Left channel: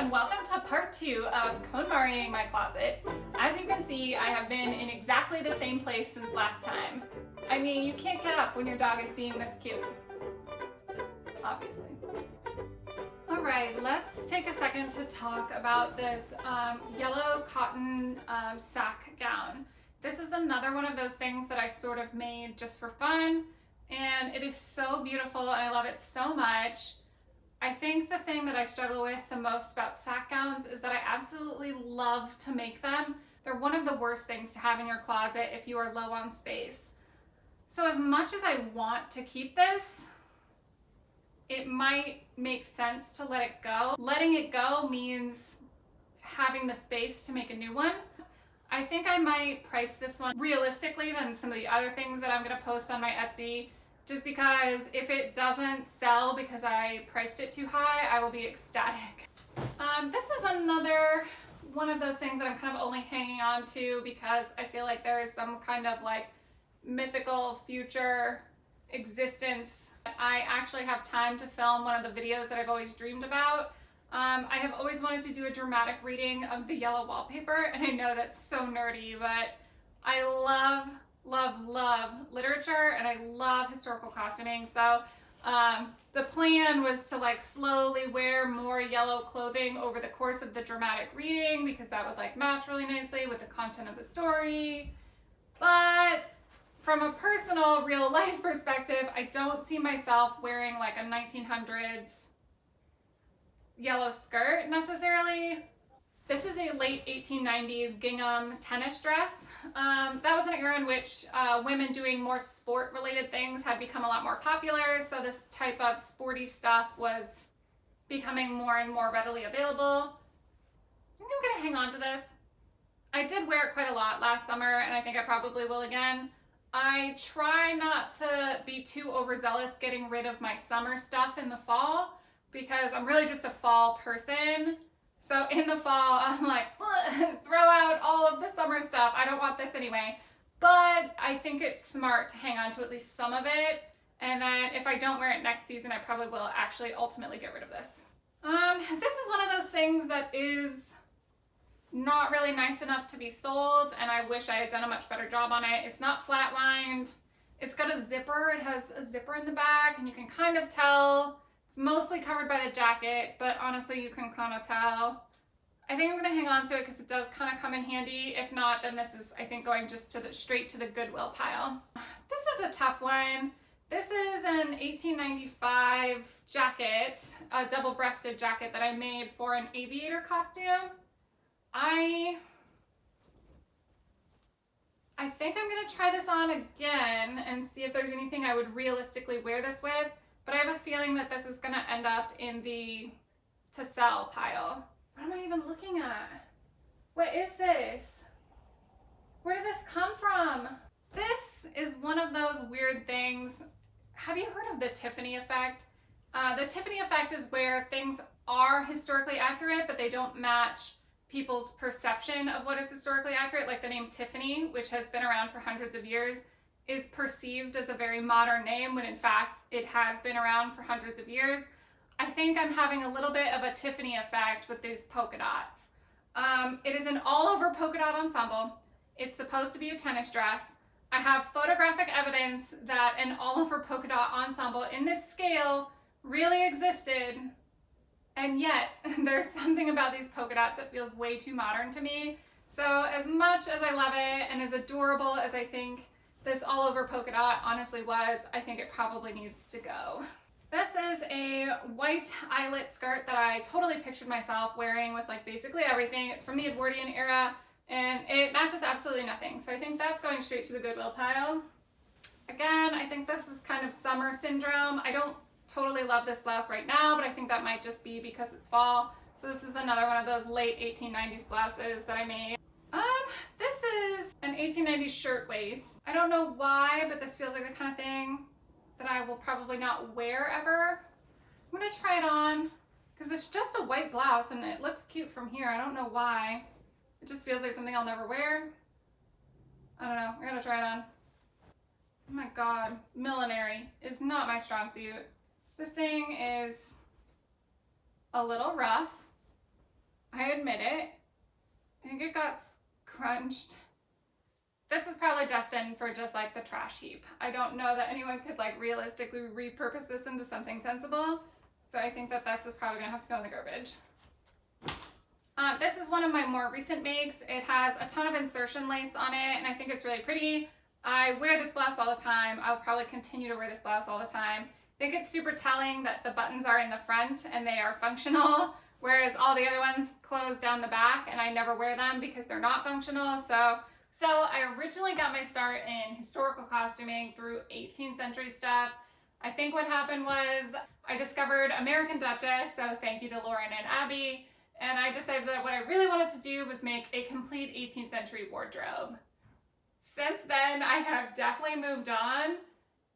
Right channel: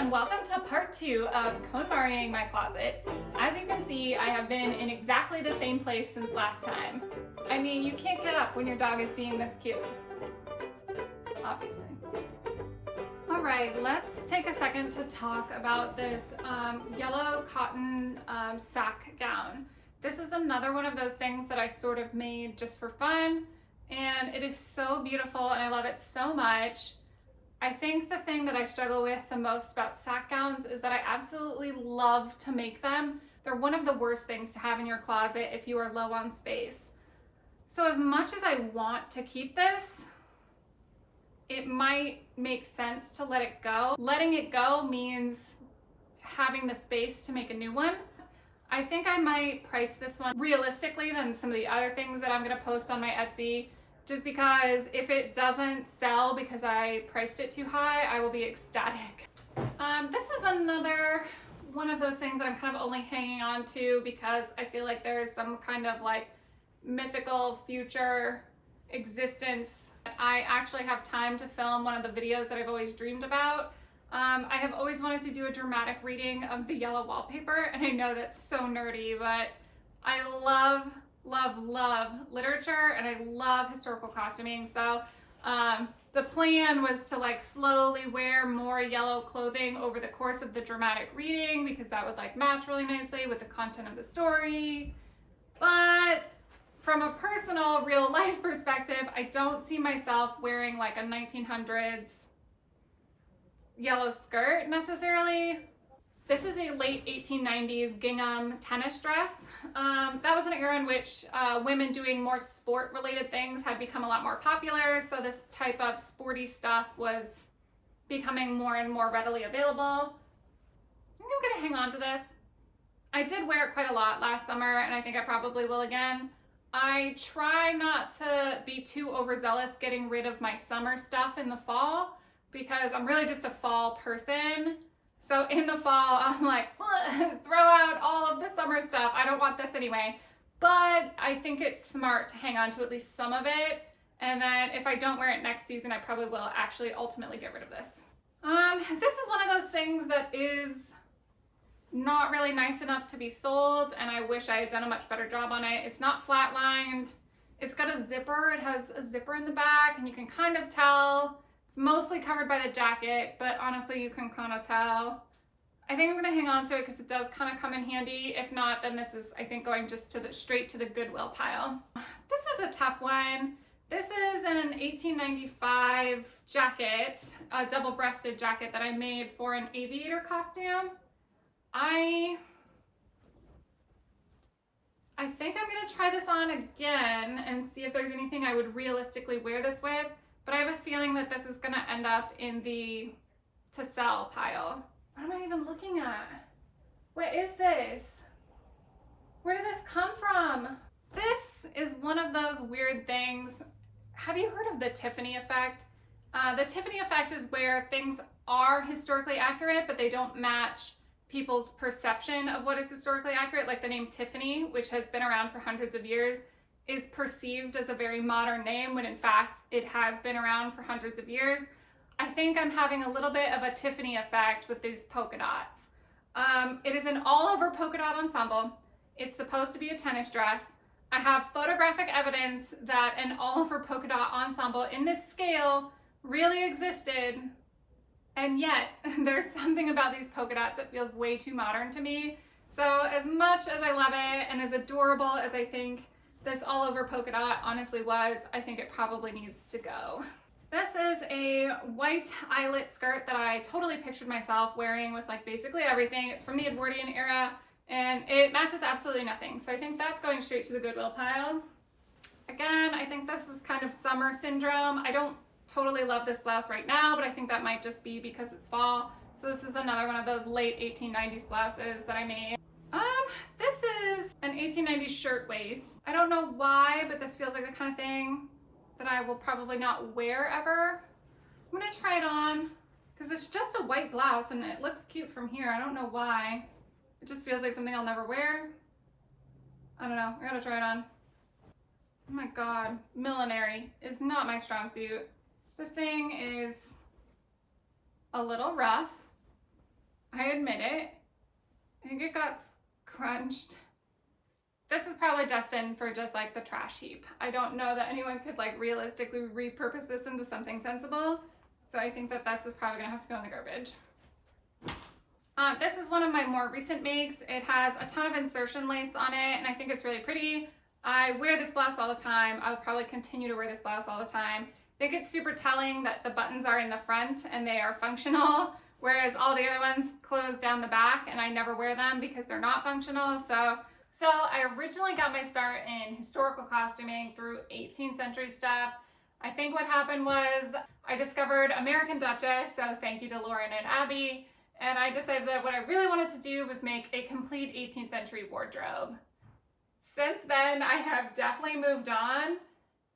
and welcome to part 2 of Konmariing my closet. As you can see, I have been in exactly the same place since last time. I mean, you can't get up when your dog is being this cute. Obviously. Alright, let's take a second to talk about this yellow cotton sack gown. This is another one of those things that I sort of made just for fun, and it is so beautiful and I love it so much. I think the thing that I struggle with the most about sack gowns is that I absolutely love to make them. They're one of the worst things to have in your closet if you are low on space. So as much as I want to keep this, it might make sense to let it go. Letting it go means having the space to make a new one. I think I might price this one realistically than some of the other things that I'm gonna post on my Etsy, just because if it doesn't sell because I priced it too high, I will be ecstatic. This is another one of those things that I'm kind of only hanging on to because I feel like there is some kind of like mythical future existence. I actually have time to film one of the videos that I've always dreamed about. I have always wanted to do a dramatic reading of the yellow wallpaper, and I know that's so nerdy, but I love literature and I love historical costuming. So the plan was to like slowly wear more yellow clothing over the course of the dramatic reading because that would like match really nicely with the content of the story. But from a personal real life perspective, I don't see myself wearing like a 1900s yellow skirt necessarily. This is a late 1890s gingham tennis dress. That was an era in which women doing more sport related things had become a lot more popular, so this type of sporty stuff was becoming more and more readily available. I think I'm gonna hang on to this. I did wear it quite a lot last summer, and I think I probably will again. I try not to be too overzealous getting rid of my summer stuff in the fall because I'm really just a fall person. So in the fall, I'm like, throw out all of the summer stuff. I don't want this anyway. But I think it's smart to hang on to at least some of it. And then if I don't wear it next season, I probably will actually ultimately get rid of this. This is one of those things that is not really nice enough to be sold, and I wish I had done a much better job on it. It's not flat lined. It's got a zipper. It has a zipper in the back, and you can kind of tell. It's mostly covered by the jacket, but honestly, you can kind of tell. I think I'm gonna hang on to it because it does kind of come in handy. If not, then this is, I think, going just to straight to the Goodwill pile. This is a tough one. This is an 1895 jacket, a double-breasted jacket that I made for an aviator costume. I think I'm gonna try this on again and see if there's anything I would realistically wear this with. But I have a feeling that this is gonna end up in the to sell pile. What am I even looking at? What is this? Where did this come from? This is one of those weird things. Have you heard of the Tiffany effect? The Tiffany effect is where things are historically accurate, but they don't match people's perception of what is historically accurate. Like the name Tiffany, which has been around for hundreds of years, is perceived as a very modern name when in fact it has been around for hundreds of years. I think I'm having a little bit of a Tiffany effect with these polka dots. It is an all over polka dot ensemble. It's supposed to be a tennis dress. I have photographic evidence that an all over polka dot ensemble in this scale really existed, and yet there's something about these polka dots that feels way too modern to me. So as much as I love it and as adorable as I think this all over polka dot honestly was, I think it probably needs to go. This is a white eyelet skirt that I totally pictured myself wearing with like basically everything. It's from the Edwardian era and it matches absolutely nothing. So I think that's going straight to the Goodwill pile. Again, I think this is kind of summer syndrome. I don't totally love this blouse right now, but I think that might just be because it's fall. So this is another one of those late 1890s blouses that I made. This is an 1890s shirtwaist. I don't know why, but this feels like the kind of thing that I will probably not wear ever. I'm gonna try it on because it's just a white blouse and it looks cute from here. I don't know why. It just feels like something I'll never wear. I don't know, I gotta try it on. Oh my God, millinery is not my strong suit. This thing is a little rough. I admit it. I think it got crunched. This is probably destined for just like the trash heap. I don't know that anyone could like realistically repurpose this into something sensible. So I think that this is probably gonna have to go in the garbage. This is one of my more recent makes. It has a ton of insertion lace on it and I think it's really pretty. I wear this blouse all the time. I'll probably continue to wear this blouse all the time. I think it's super telling that the buttons are in the front and they are functional, whereas all the other ones close down the back and I never wear them because they're not functional. So I originally got my start in historical costuming through 18th century stuff. I think what happened was I discovered American Duchess, so thank you to Lauren and Abby, and I decided that what I really wanted to do was make a complete 18th century wardrobe. Since then, I have definitely moved on,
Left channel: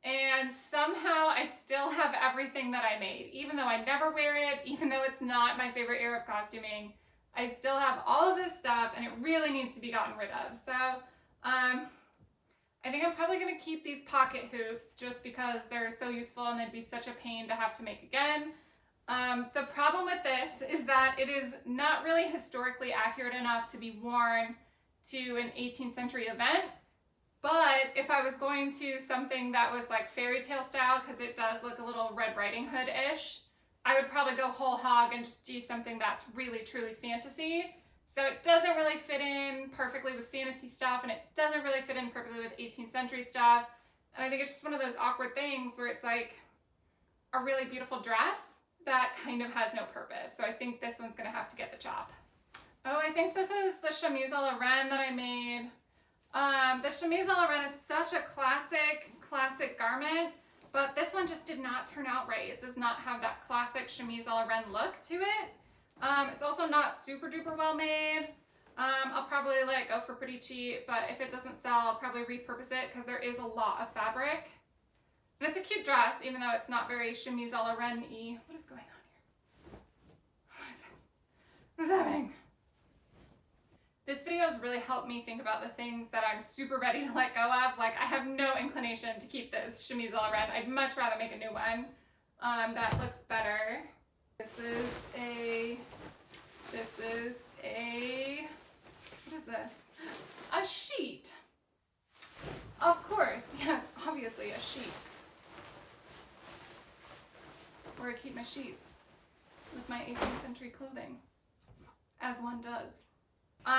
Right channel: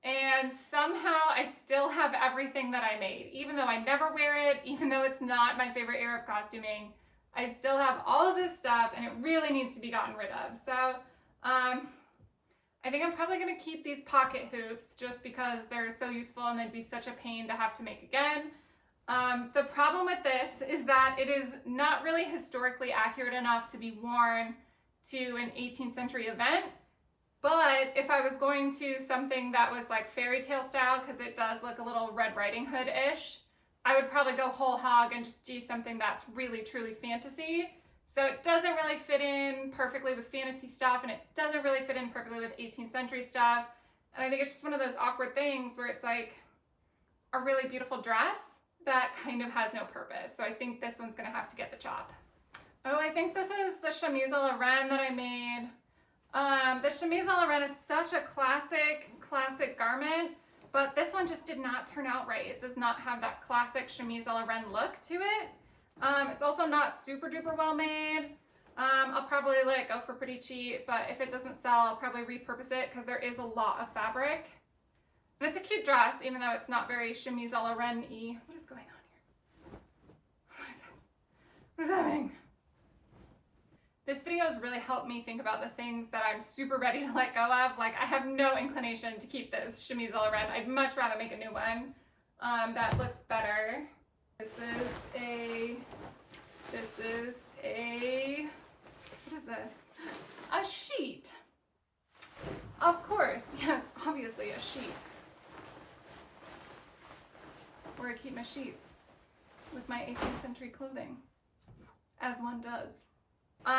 and somehow I still have everything that I made. Even though I never wear it, even though it's not my favorite era of costuming, I still have all of this stuff and it really needs to be gotten rid of. So I think I'm probably gonna keep these pocket hoops just because they're so useful and they'd be such a pain to have to make again. The problem with this is that it is not really historically accurate enough to be worn to an 18th century event. But if I was going to something that was like fairy tale style, because it does look a little Red Riding Hood-ish, I would probably go whole hog and just do something that's really truly fantasy. So it doesn't really fit in perfectly with fantasy stuff and it doesn't really fit in perfectly with 18th century stuff. And I think it's just one of those awkward things where it's like a really beautiful dress that kind of has no purpose. So I think this one's gonna have to get the chop. Oh, I think this is the chemise à la reine that I made. The chemise à la reine is such a classic garment, but this one just did not turn out right. It does not have that classic chemise à la reine look to it. It's also not super duper well made. I'll probably let it go for pretty cheap, but if it doesn't sell, I'll probably repurpose it because there is a lot of fabric. And it's a cute dress, even though it's not very chemise à la reine-y. What is going on here? What is happening? This video has really helped me think about the things that I'm super ready to let go of. Like, I have no inclination to keep this chemise à la reine. I'd much rather make a new one that looks better. This is a, what is this? A sheet. Of course, yes, obviously a sheet. Where I keep my sheets with my 18th century clothing, as one does.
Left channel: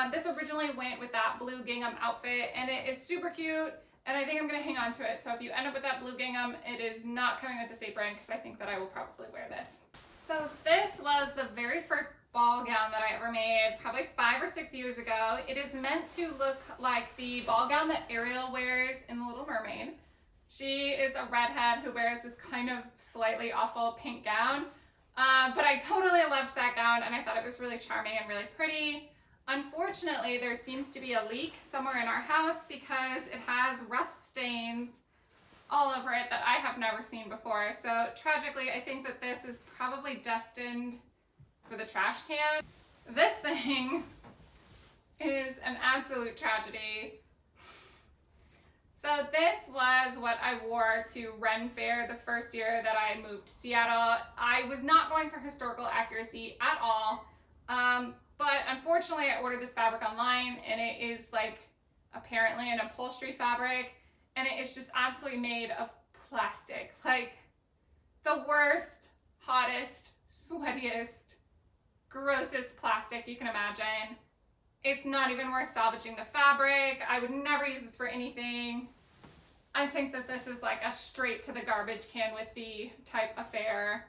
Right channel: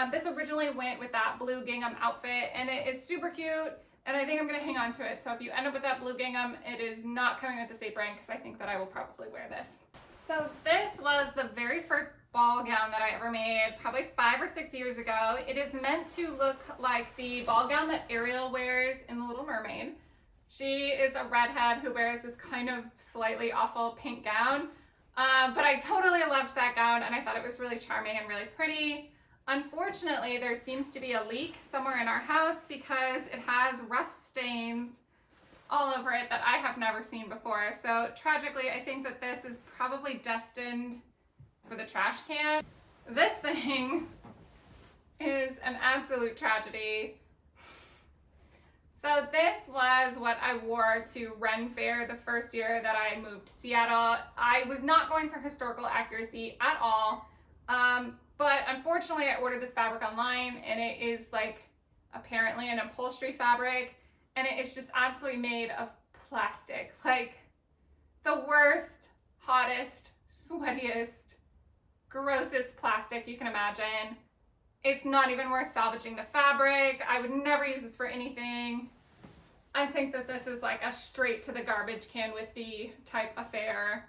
This originally went with that blue gingham outfit and it is super cute and I think I'm gonna hang on to it. So if you end up with that blue gingham, it is not coming with this apron because I think that I will probably wear this. So this was the very first ball gown that I ever made, probably 5 or 6 years ago. It is meant to look like the ball gown that Ariel wears in The Little Mermaid. She is a redhead who wears this kind of slightly awful pink gown. But I totally loved that gown and I thought it was really charming and really pretty. Unfortunately, there seems to be a leak somewhere in our house because it has rust stains all over it that I have never seen before. So tragically, I think that this is probably destined for the trash can. This thing is an absolute tragedy. So this was what I wore to Ren Fair the first year that I moved to Seattle. I was not going for historical accuracy at all. But unfortunately I ordered this fabric online and it is like apparently an upholstery fabric and it is just absolutely made of plastic. Like the worst, hottest, sweatiest, grossest plastic you can imagine. It's not even worth salvaging the fabric. I would never use this for anything. I think that this is like a straight to the garbage can with the type affair.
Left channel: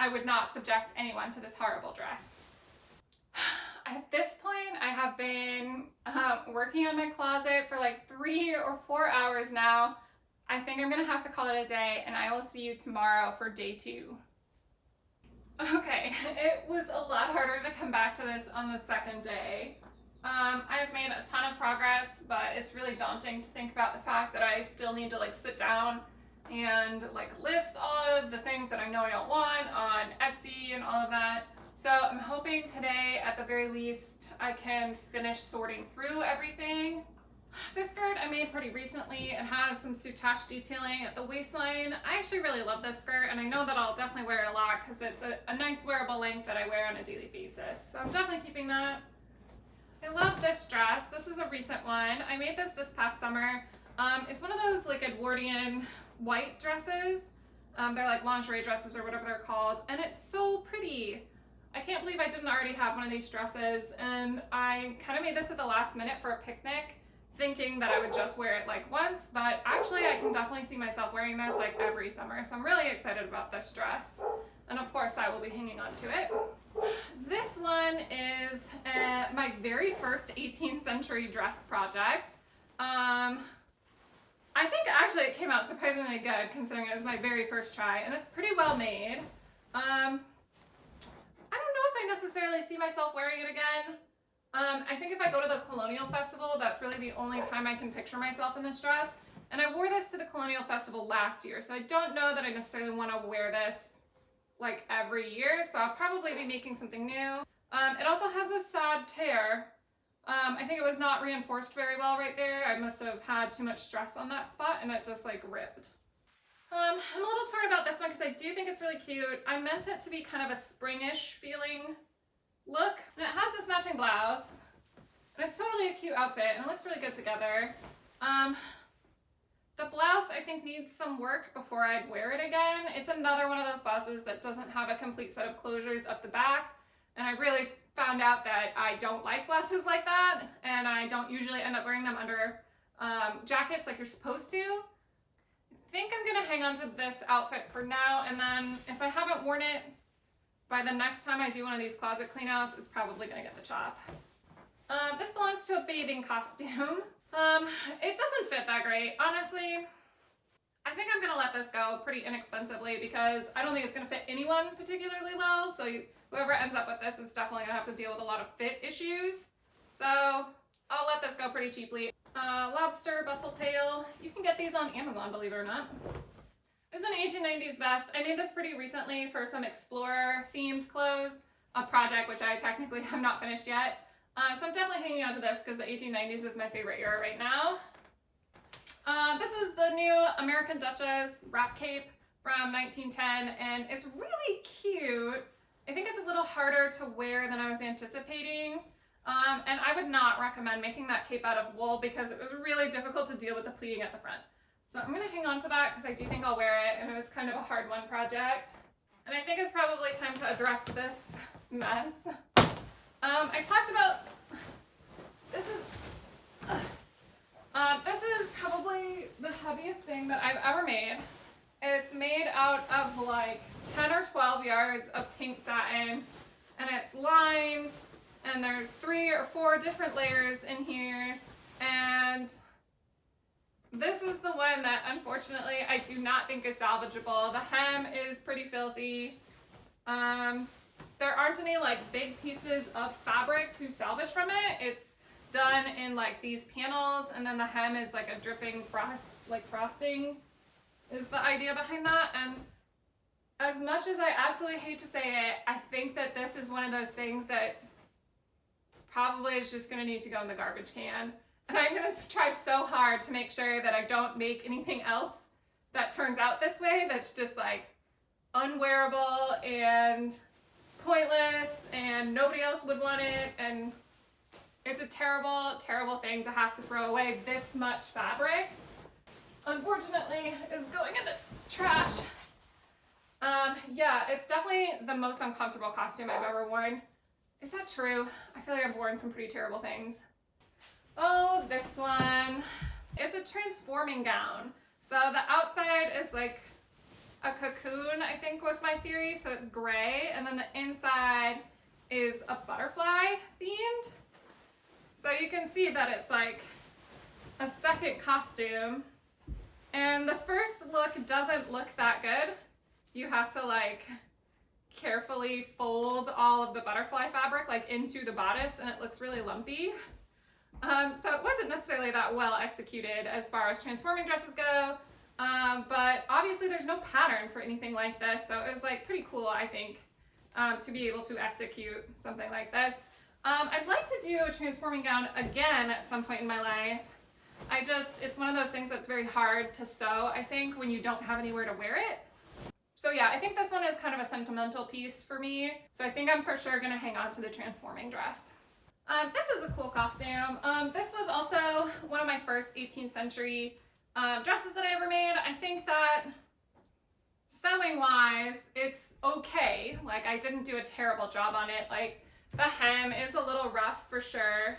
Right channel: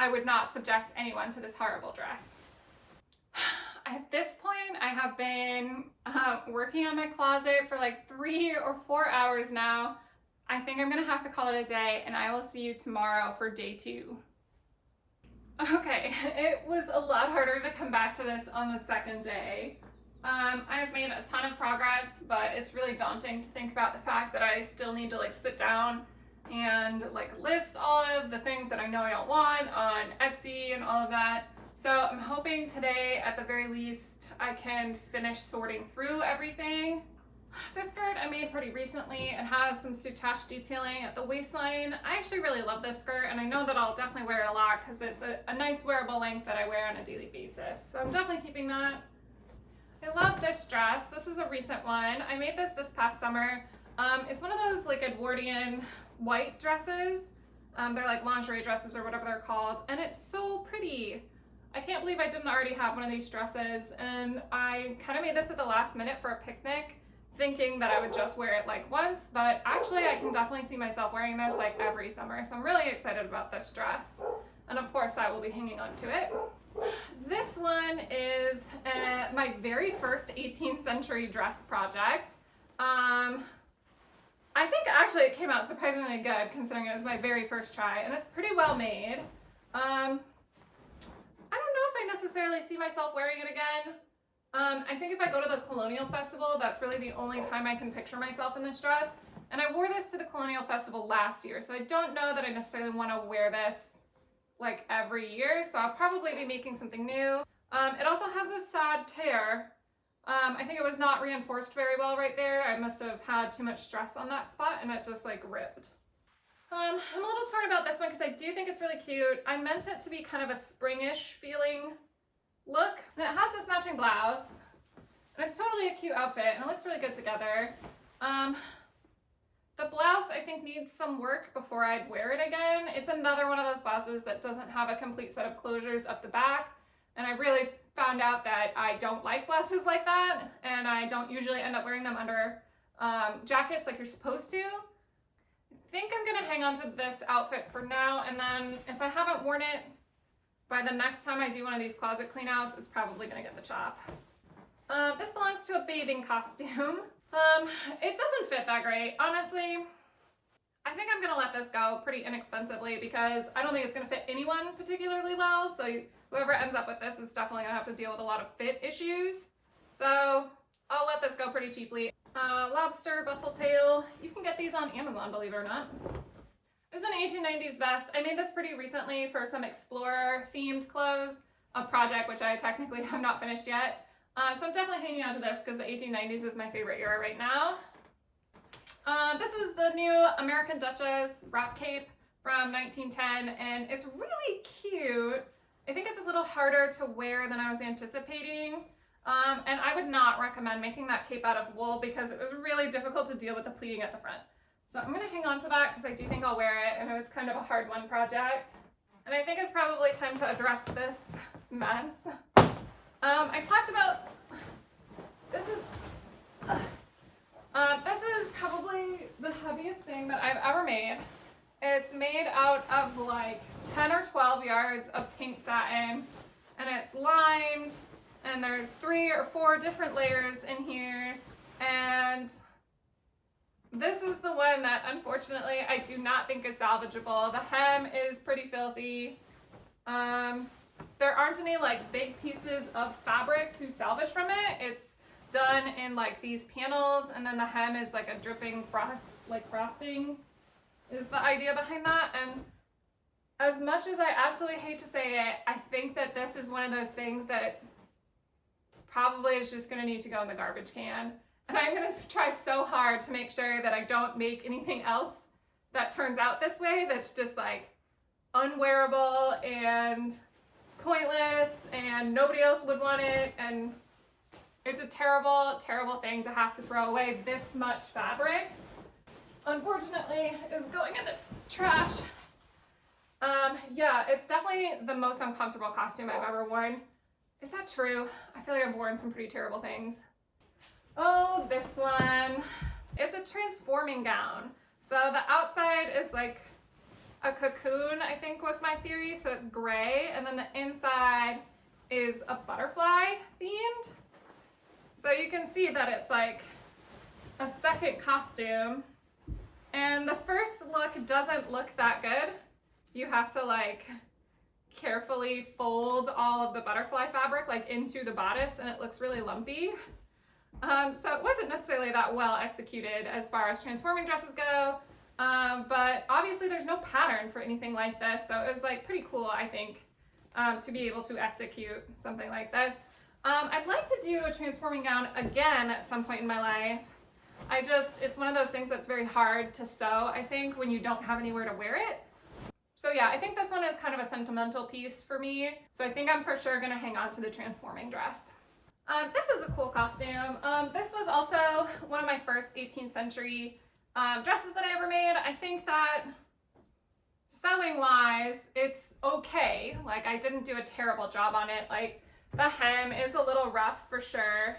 I would not subject anyone to this horrible dress. At this point, I have been working on my closet for like 3 or 4 hours now. I think I'm gonna have to call it a day and I will see you tomorrow for day 2. Okay, it was a lot harder to come back to this on the second day. I've made a ton of progress, but it's really daunting to think about the fact that I still need to like sit down and like list all of the things that I know I don't want on Etsy and all of that. So I'm hoping today, at the very least, I can finish sorting through everything. This skirt I made pretty recently. It has some soutache detailing at the waistline. I actually really love this skirt, and I know that I'll definitely wear it a lot because it's a nice wearable length that I wear on a daily basis. So I'm definitely keeping that. I love this dress. This is a recent one. I made this past summer. It's one of those like Edwardian white dresses. They're like lingerie dresses or whatever they're called, and it's so pretty. I can't believe I didn't already have one of these dresses, and I kind of made this at the last minute for a picnic, thinking that I would just wear it like once, but actually I can definitely see myself wearing this like every summer, so I'm really excited about this dress. And of course I will be hanging on to it. This one is my very first 18th century dress project. I think actually it came out surprisingly good considering it was my very first try, and it's pretty well made. I don't know if I necessarily see myself wearing it again. I think if I go to the Colonial Festival, that's really the only time I can picture myself in this dress. And I wore this to the Colonial Festival last year, so I don't know that I necessarily want to wear this like every year, so I'll probably be making something new. It also has this sad tear. I think it was not reinforced very well right there. I must have had too much stress on that spot and it just like ripped. I'm a little torn about this one because I do think it's really cute. I meant it to be kind of a springish feeling look, and it has this matching blouse, and it's totally a cute outfit, and it looks really good together. The blouse I think needs some work before I'd wear it again. It's another one of those blouses that doesn't have a complete set of closures up the back, and I really found out that I don't like blouses like that, and I don't usually end up wearing them under jackets like you're supposed to. I think I'm gonna hang on to this outfit for now, and then if I haven't worn it by the next time I do one of these closet clean outs, it's probably gonna get the chop. This belongs to a bathing costume. It doesn't fit that great. Honestly, I think I'm gonna let this go pretty inexpensively because I don't think it's gonna fit anyone particularly well, so whoever ends up with this is definitely gonna have to deal with a lot of fit issues. So I'll let this go pretty cheaply. Lobster bustle tail. You can get these on Amazon, believe it or not. This is an 1890s vest. I made this pretty recently for some explorer themed clothes, a project which I technically have not finished yet. So I'm definitely hanging on to this because the 1890s is my favorite era right now. This is the new American Duchess wrap cape from 1910, and it's really cute. I think it's a little harder to wear than I was anticipating. And I would not recommend making that cape out of wool because it was really difficult to deal with the pleating at the front. So I'm gonna hang on to that because I do think I'll wear it, and it was kind of a hard one project. And I think it's probably time to address this mess. I talked about, this is probably the heaviest thing that I've ever made. It's made out of like 10 or 12 yards of pink satin, and it's lined, and there's 3 or 4 different layers in here, and this is the one that unfortunately I do not think is salvageable. The hem is pretty filthy. There aren't any like big pieces of fabric to salvage from it. It's done in like these panels, and then the hem is like a dripping frosting is the idea behind that. And as much as I absolutely hate to say it, I think that this is one of those things that probably is just gonna need to go in the garbage can. And I'm gonna try so hard to make sure that I don't make anything else that turns out this way that's just like unwearable and pointless and nobody else would want it, and it's a terrible, terrible thing to have to throw away this much fabric. Unfortunately, is going in the trash. Yeah, it's definitely the most uncomfortable costume I've ever worn. Is that true? I feel like I've worn some pretty terrible things. Oh, this one. It's a transforming gown. So the outside is like a cocoon, I think was my theory, so it's gray, and then the inside is a butterfly themed. So you can see that it's like a second costume, and the first look doesn't look that good. You have to like carefully fold all of the butterfly fabric like into the bodice, and it looks really lumpy. So it wasn't necessarily that well executed as far as transforming dresses go, but obviously there's no pattern for anything like this, so it was like pretty cool, I think, to be able to execute something like this. I'd like to do a transforming gown again at some point in my life. It's one of those things that's very hard to sew, I think, when you don't have anywhere to wear it. So yeah, I think this one is kind of a sentimental piece for me. So I think I'm for sure gonna hang on to the transforming dress. This is a cool costume. This was also one of my first 18th century dresses that I ever made. I think that sewing wise, it's okay. Like, I didn't do a terrible job on it. Like, the hem is a little rough for sure.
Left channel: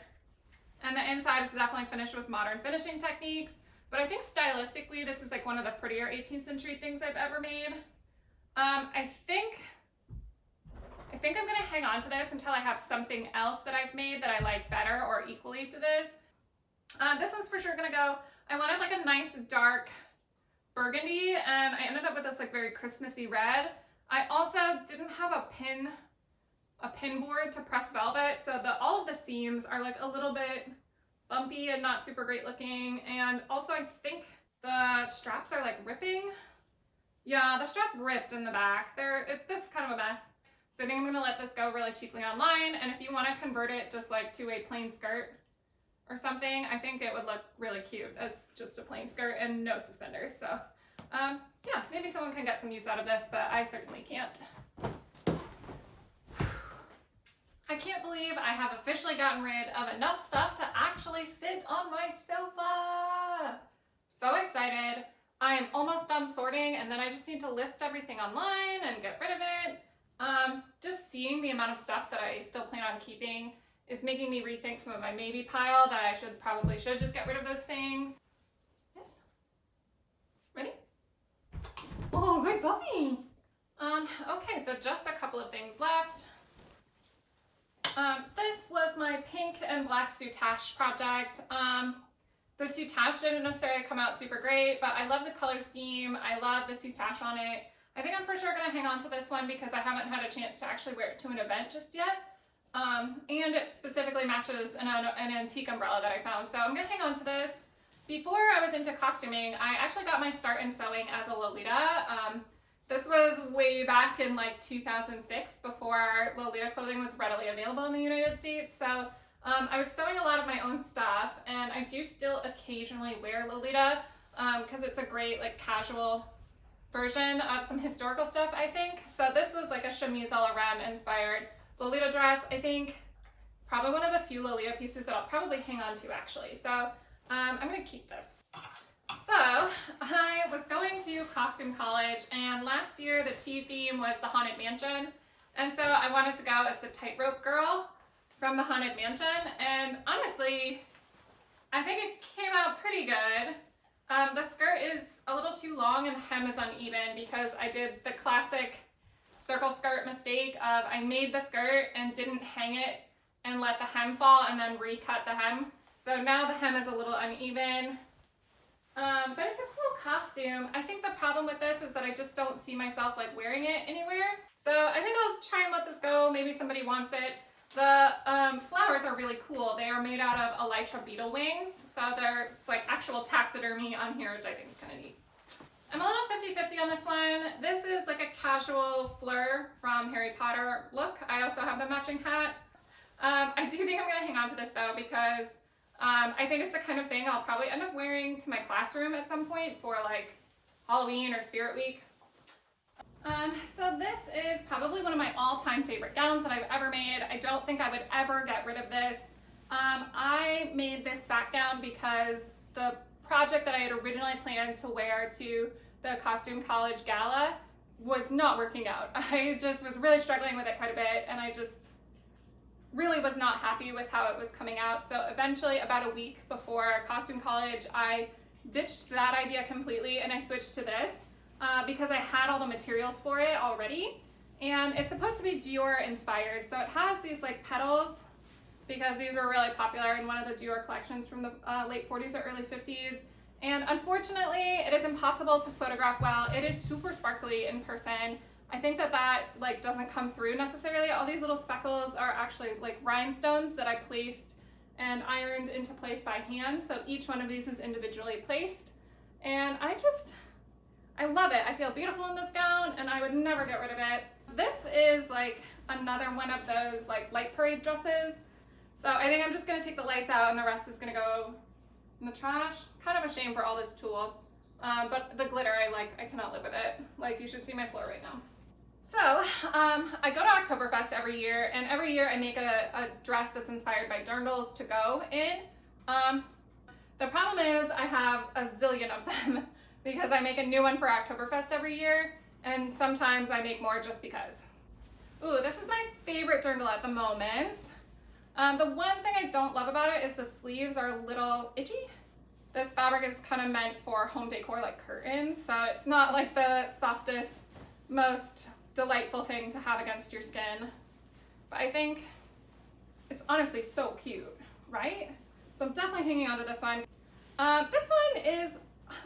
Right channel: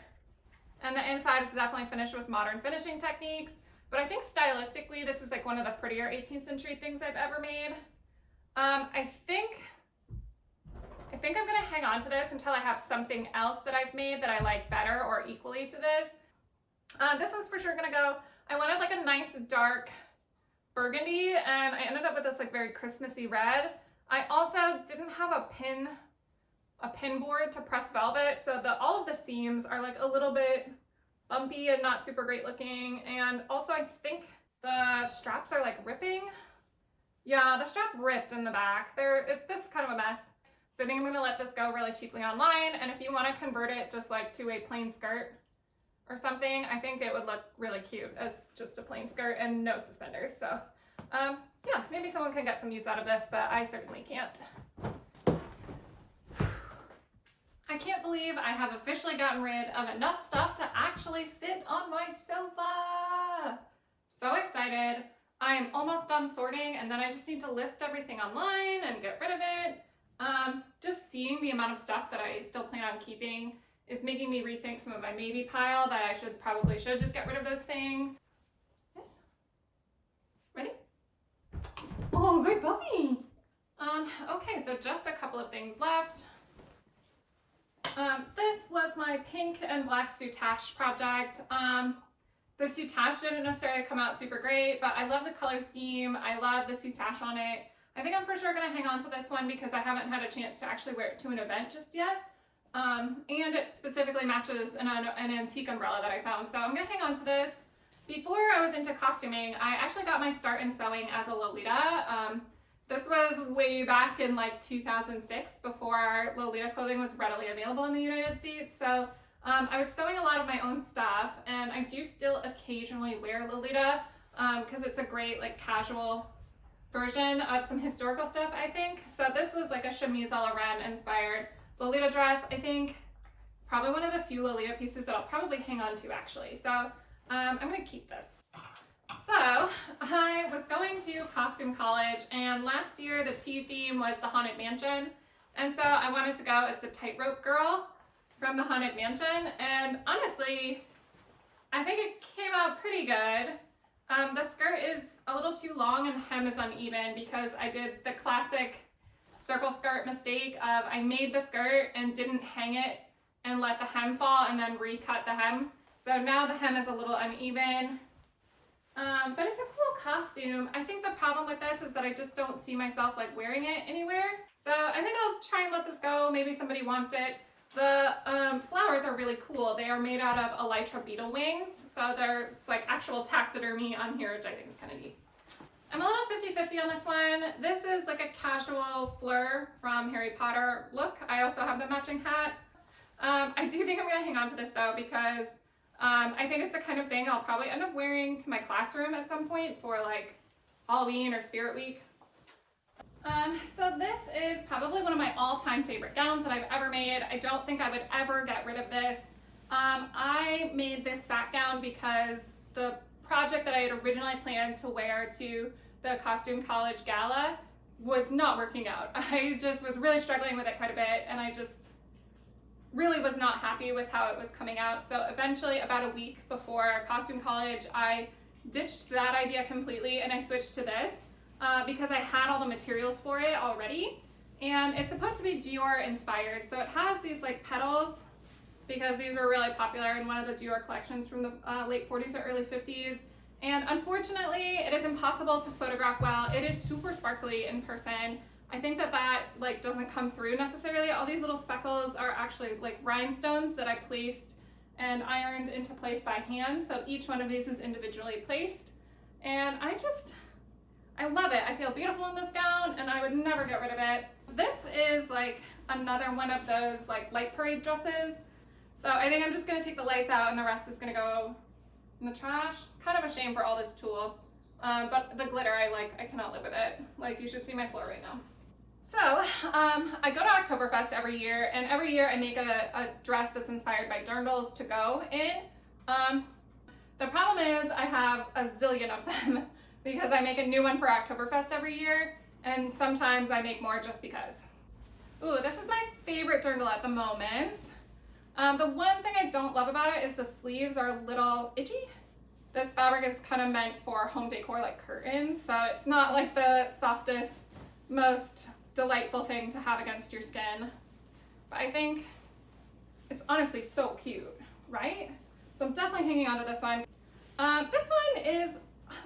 And the inside is definitely finished with modern finishing techniques. But I think stylistically, this is like one of the prettier 18th century things I've ever made. I think I'm gonna hang on to this until I have something else that I've made that I like better or equally to this. This one's for sure gonna go. I wanted like a nice dark burgundy, and I ended up with this like very Christmassy red. I also didn't have a pin board to press velvet, so all of the seams are like a little bit bumpy and not super great looking. And also I think the straps are like ripping. Yeah, the strap ripped in the back. This is kind of a mess. So I think I'm gonna let this go really cheaply online. And if you want to convert it just like to a plain skirt or something, I think it would look really cute as just a plain skirt and no suspenders. So yeah, maybe someone can get some use out of this, but I certainly can't. I can't believe I have officially gotten rid of enough stuff to actually sit on my sofa. So excited. I am almost done sorting, and then I just need to list everything online and get rid of it. Just seeing the amount of stuff that I still plan on keeping is making me rethink some of my maybe pile that I probably should just get rid of those things. Yes. Ready? Oh, good puppy. Okay, so just a couple of things left. This was my pink and black soutache project. The soutache didn't necessarily come out super great, but I love the color scheme. I love the soutache on it. I think I'm for sure gonna hang on to this one because I haven't had a chance to actually wear it to an event just yet. And it specifically matches an antique umbrella that I found. So I'm gonna hang on to this. Before I was into costuming, I actually got my start in sewing as a Lolita. This was way back in like 2006 before Lolita clothing was readily available in the United States. So I was sewing a lot of my own stuff, and I do still occasionally wear Lolita because it's a great like casual version of some historical stuff, I think. So this was like a chemise a la reine inspired Lolita dress. I think probably one of the few Lolita pieces that I'll probably hang on to actually. So I'm gonna keep this. So I was going to costume college, and last year the tea theme was the Haunted Mansion. And so I wanted to go as the tightrope girl from the Haunted Mansion. And honestly, I think it came out pretty good. The skirt is a little too long and the hem is uneven because I did the classic circle skirt mistake of I made the skirt and didn't hang it and let the hem fall and then recut the hem. So now the hem is a little uneven. But it's a cool costume. I think the problem with this is that I just don't see myself like wearing it anywhere. So I think I'll try and let this go. Maybe somebody wants it. The flowers are really cool. They are made out of elytra beetle wings. So there's like actual taxidermy on here, which I think is kind of neat. I'm a little 50-50 on this one. This is like a casual Fleur from Harry Potter look. I also have the matching hat. I do think I'm gonna hang on to this though because I think it's the kind of thing I'll probably end up wearing to my classroom at some point for like Halloween or Spirit Week. So this is probably one of my all-time favorite gowns that I've ever made. I don't think I would ever get rid of this. I made this sack gown because the project that I had originally planned to wear to the costume college gala was not working out. I just was really struggling with it quite a bit, and I just really was not happy with how it was coming out. So eventually, about a week before costume college, I ditched that idea completely and I switched to this because I had all the materials for it already. And it's supposed to be Dior inspired. So it has these like petals because these were really popular in one of the Dior collections from the late 40s or early 50s. And unfortunately, it is impossible to photograph well. It is super sparkly in person. I think that like doesn't come through necessarily. All these little speckles are actually like rhinestones that I placed and ironed into place by hand. So each one of these is individually placed. And I love it. I feel beautiful in this gown and I would never get rid of it. This is like another one of those like light parade dresses. So I think I'm just gonna take the lights out and the rest is gonna go in the trash. Kind of a shame for all this tulle. But the glitter I cannot live with it. Like, you should see my floor right now. So, I go to Oktoberfest every year, and every year I make a dress that's inspired by dirndls to go in. The problem is I have a zillion of them because I make a new one for Oktoberfest every year, and sometimes I make more just because. Ooh, this is my favorite dirndl at the moment. The one thing I don't love about it is the sleeves are a little itchy. This fabric is kind of meant for home decor like curtains, so it's not like the softest, most delightful thing to have against your skin. But I think it's honestly so cute, right? So I'm definitely hanging on to this one. This one is,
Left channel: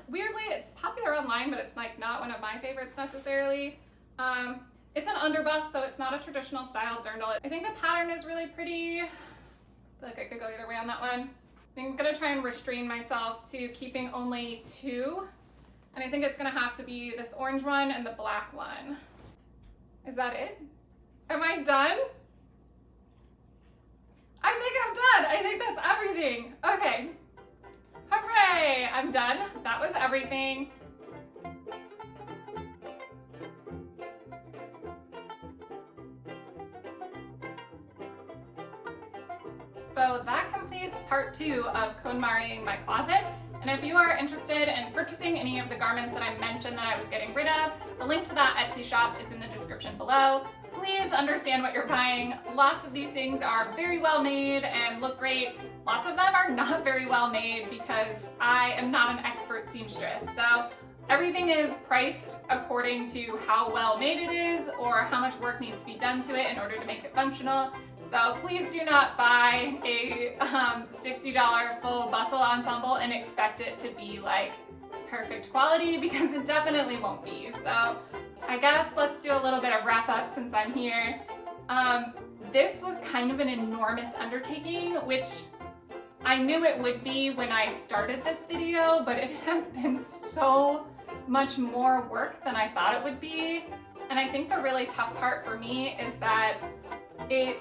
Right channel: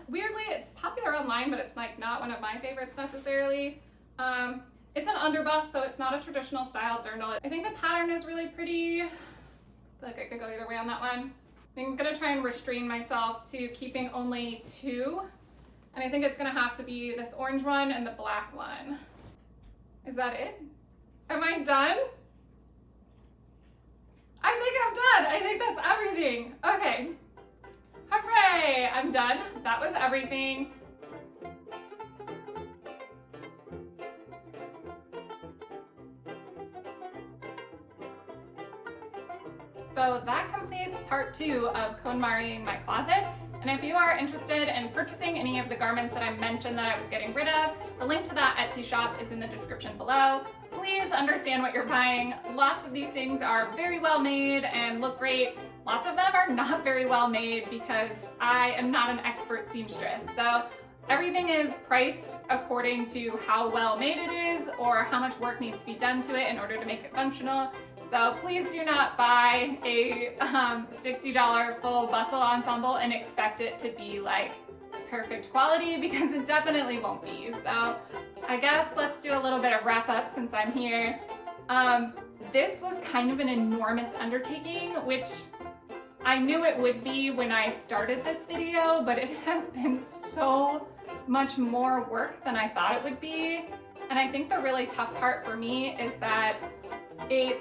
weirdly, it's popular online, but it's like not one of my favorites necessarily. It's an underbust, so it's not a traditional style dirndl. I think the pattern is really pretty. I feel like I could go either way on that one. I think I'm gonna try and restrain myself to keeping only 2. And I think it's gonna have to be this orange one and the black one. Is that it? Am I done? I think I'm done. I think that's everything. Okay. Hooray, I'm done. That was everything. So that completes part 2 of Konmari-ing my closet. And if you are interested in purchasing any of the garments that I mentioned that I was getting rid of, the link to that Etsy shop is in the description below. Please understand what you're buying. Lots of these things are very well made and look great. Lots of them are not very well made because I am not an expert seamstress. So everything is priced according to how well made it is or how much work needs to be done to it in order to make it functional. So please do not buy a $60 full bustle ensemble and expect it to be like perfect quality, because it definitely won't be. So I guess let's do a little bit of wrap up since I'm here. This was kind of an enormous undertaking, which I knew it would be when I started this video, but it has been so much more work than I thought it would be. And I think the really tough part for me is that it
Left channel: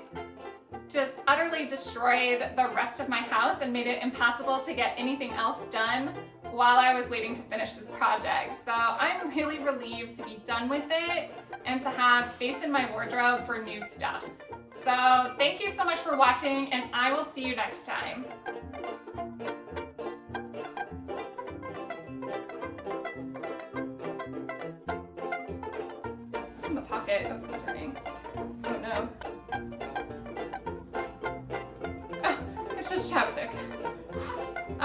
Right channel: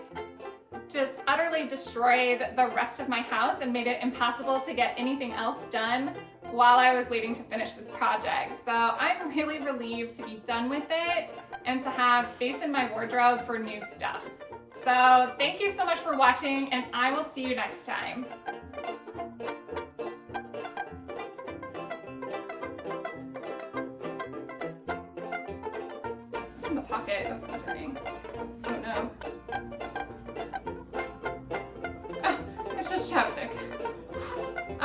just utterly destroyed the rest of my house and made it impossible to get anything else done while I was waiting to finish this project. So I'm really relieved to be done with it and to have space in my wardrobe for new stuff. So thank you so much for watching, and I will see you next time. It's in the pocket, that's concerning. Oh no. Oh, it's just chapstick.